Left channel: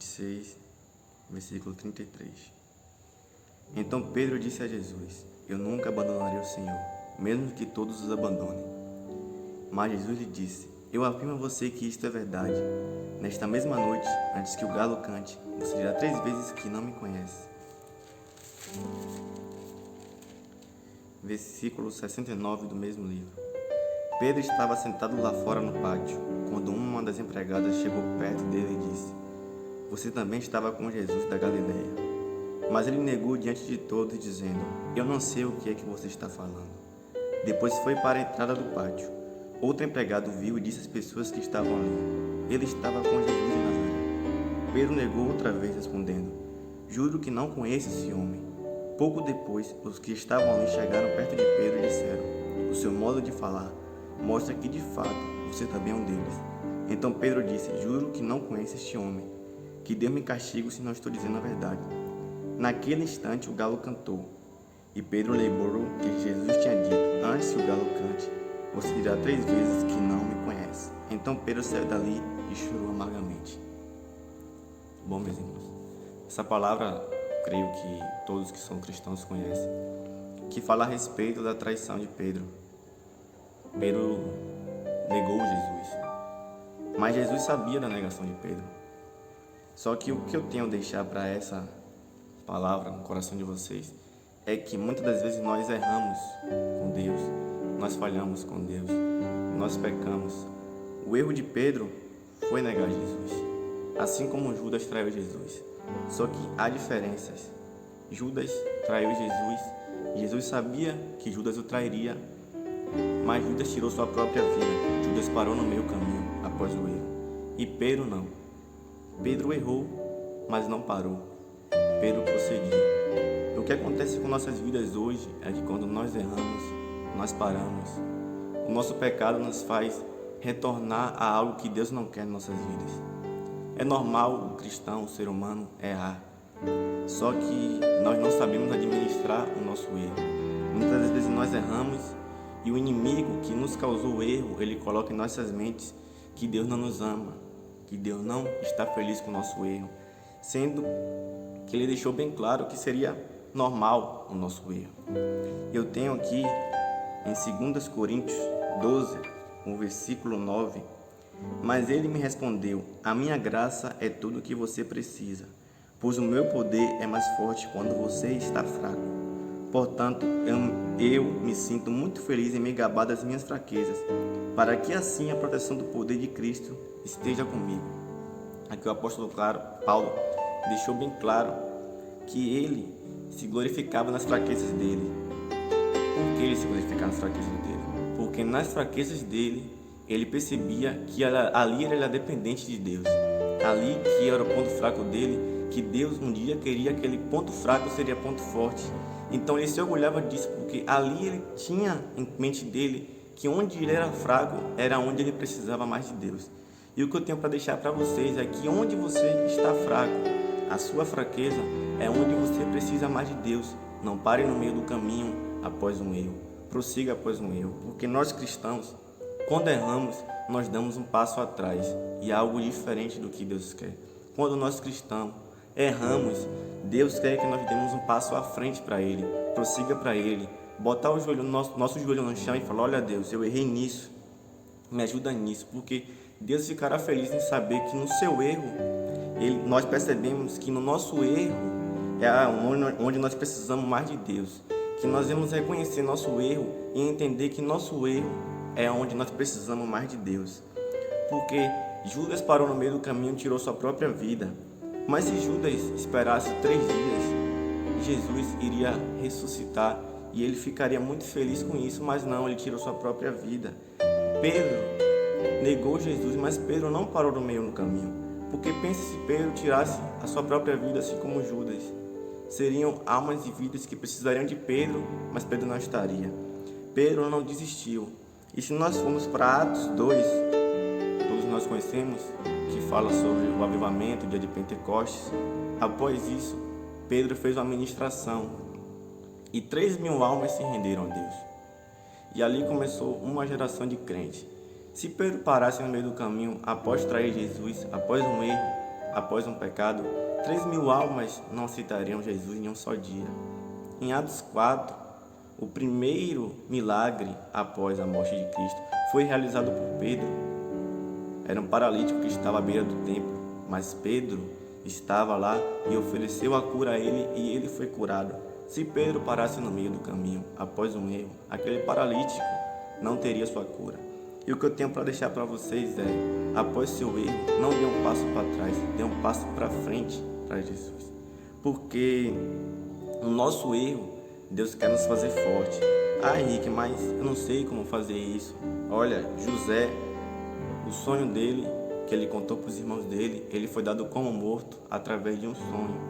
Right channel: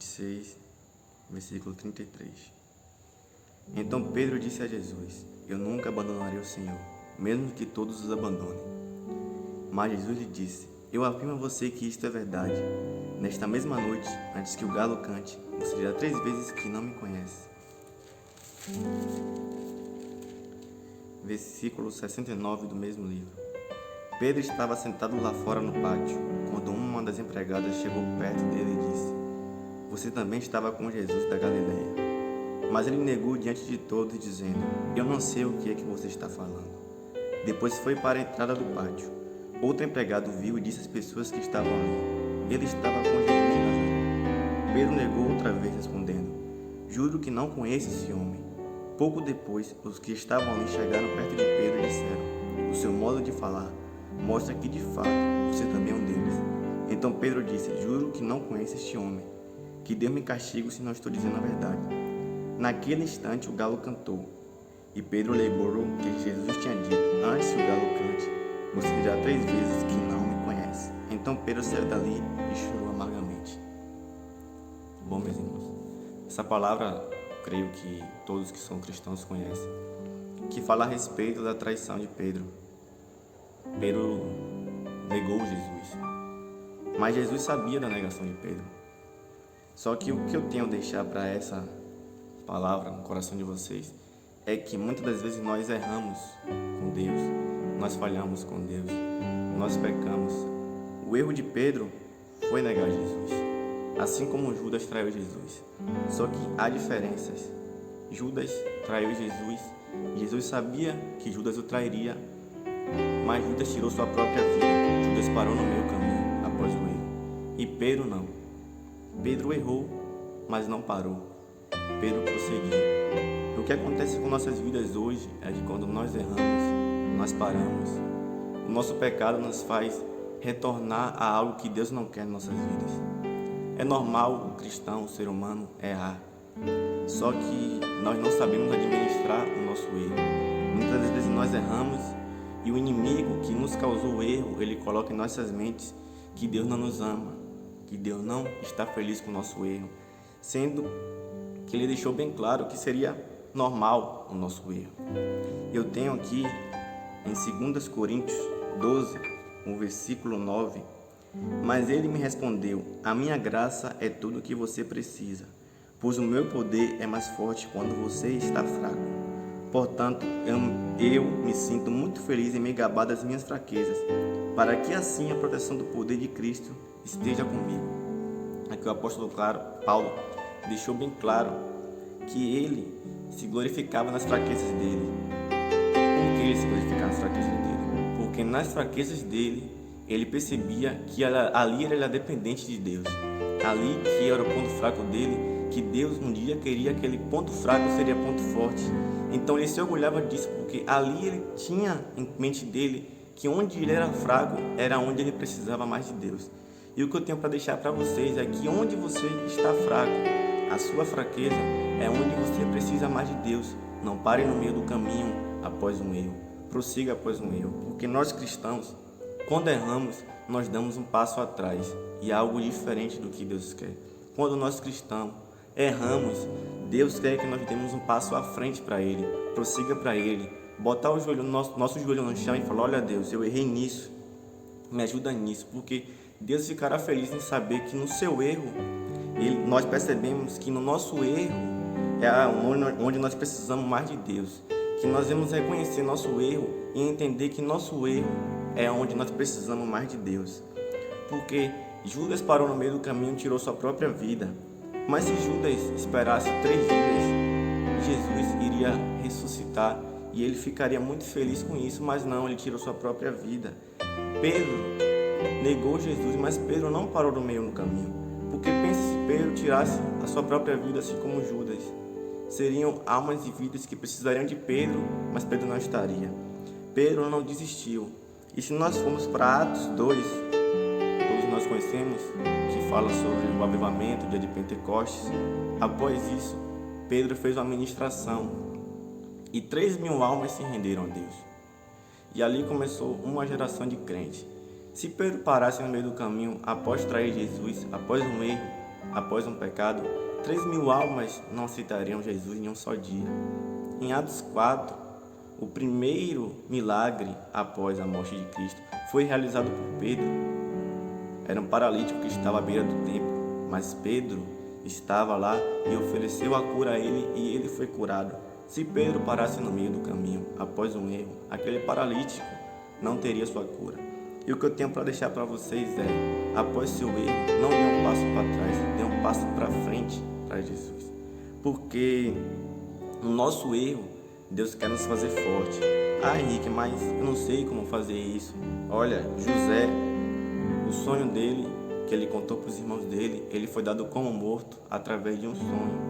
26, versículo 33. Então Pedro disse a Jesus: Eu nunca abandonarei o Senhor, mesmo que todos os abandonem. Mas Jesus lhe disse: Eu afirmo a você que isto é verdade. Nesta mesma noite, antes que o galo cante, você dirá 3 vezes que não me conhece. Versículo 69 do mesmo livro. Pedro estava sentado lá fora no pátio, quando uma das empregadas chegou perto dele e disse: Você também estava com Jesus da Galileia. Mas ele negou diante de todos, dizendo: Eu não sei o que é que você está falando. Depois foi para a entrada do pátio. Outro empregado viu e disse às pessoas que estavam ali: Ele estava com Jesus de Nazaré. Pedro negou outra vez, respondendo: Juro que não conheço esse homem. Pouco depois, os que estavam ali chegaram perto de Pedro e disseram: O seu modo de falar mostra que, de fato, você também é um deles. Então Pedro disse: Juro que não conheço este homem. Que Deus me castigue se não estou dizendo a verdade. Naquele instante o galo cantou. E Pedro lembrou que Jesus tinha dito: Antes que o galo cante, você dirá 3 vezes que não me conhece. Então Pedro saiu dali e chorou amargamente. Bom, meus irmãos, essa palavra, creio que todos que são cristãos conhecem, que fala a respeito da traição de Pedro. Pedro negou Jesus, mas Jesus sabia da negação de Pedro. Só que o que eu tenho a deixar para essa palavra no coração de vocês é que muitas das vezes nós erramos com Deus, nós falhamos com Deus, nós pecamos. O erro de Pedro foi negar Jesus, assim como Judas traiu Jesus. Só que há diferenças. Judas traiu Jesus, Jesus sabia que Judas o trairia, mas Judas tirou sua própria vida. Judas parou no meio caminho após o erro. E Pedro não. Pedro errou, mas não parou. Pedro prosseguiu. O que acontece com nossas vidas hoje é que quando nós erramos, nós paramos. O nosso pecado nos faz retornar a algo que Deus não quer em nossas vidas. É normal o cristão, o ser humano, errar. Só que nós não sabemos administrar o nosso erro. Muitas vezes nós erramos e o inimigo que nos causou o erro, ele coloca em nossas mentes que Deus não nos ama, que Deus não está feliz com o nosso erro, sendo que ele deixou bem claro que seria normal o nosso erro. Eu tenho aqui em 2 Coríntios 12, o versículo 9, Mas ele me respondeu: A minha graça é tudo o que você precisa, pois o meu poder é mais forte quando você está fraco. Portanto, eu me sinto muito feliz em me gabar das minhas fraquezas, para que assim a proteção do poder de Cristo esteja comigo. Aqui o apóstolo Paulo deixou bem claro que ele se glorificava nas fraquezas dele. Por que ele se glorificava nas fraquezas dele? Porque nas fraquezas dele, ele percebia que ali ele era dependente de Deus. Ali que era o ponto fraco dele, que Deus um dia queria que aquele ponto fraco seria ponto forte. Então ele se orgulhava disso, porque ali ele tinha em mente dele que onde ele era fraco era onde ele precisava mais de Deus. E o que eu tenho para deixar para vocês é que onde você está fraco, a sua fraqueza é onde você precisa mais de Deus. Não pare no meio do caminho após um erro, prossiga após um erro, porque nós cristãos, quando erramos, nós damos um passo atrás e é algo diferente do que Deus quer. Quando nós cristãos erramos, Deus quer que nós demos um passo à frente para Ele, prossiga para Ele, botar o joelho, nosso joelho no chão e falar: olha Deus, eu errei nisso, me ajuda nisso, porque Deus ficará feliz em saber que no seu erro, nós percebemos que no nosso erro é onde nós precisamos mais de Deus, que nós vamos reconhecer nosso erro e entender que nosso erro é onde nós precisamos mais de Deus, porque Judas parou no meio do caminho e tirou sua própria vida. Mas se Judas esperasse 3 dias, Jesus iria ressuscitar e ele ficaria muito feliz com isso, mas não, ele tirou sua própria vida. Pedro negou Jesus, mas Pedro não parou no meio do caminho, porque pensa se Pedro tirasse a sua própria vida assim como Judas. Seriam almas e vidas que precisariam de Pedro, mas Pedro não estaria. Pedro não desistiu. E se nós formos para Atos 2, todos nós conhecemos, que fala sobre o avivamento, o dia de Pentecostes. Após isso, Pedro fez uma ministração e 3.000 almas se renderam a Deus. E ali começou uma geração de crentes. Se Pedro parasse no meio do caminho após trair Jesus, após um erro, após um pecado, 3.000 almas não aceitariam Jesus em um só dia. Em Atos 4, o primeiro milagre após a morte de Cristo foi realizado por Pedro. Era um paralítico que estava à beira do templo, mas Pedro estava lá e ofereceu a cura a ele e ele foi curado. Se Pedro parasse no meio do caminho, após um erro, aquele paralítico não teria sua cura. E o que eu tenho para deixar para vocês é, após seu erro, não dê um passo para trás, dê um passo para frente para Jesus. Porque no nosso erro, Deus quer nos fazer forte. Ah, Henrique, mas eu não sei como fazer isso. Olha, José, o sonho dele, que ele contou para os irmãos dele, ele foi dado como morto através de um sonho.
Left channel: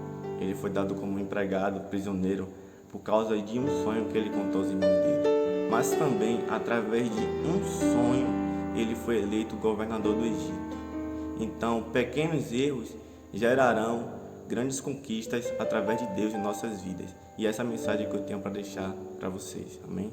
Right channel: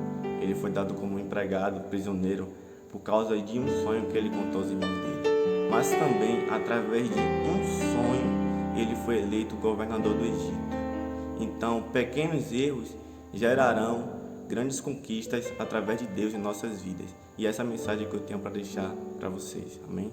Ele foi dado como empregado, prisioneiro, por causa de um sonho que ele contou aos irmãos dele. Mas também, através de um sonho, ele foi eleito governador do Egito. Então, pequenos erros gerarão grandes conquistas através de Deus em nossas vidas. E essa é a mensagem que eu tenho para deixar para vocês. Amém?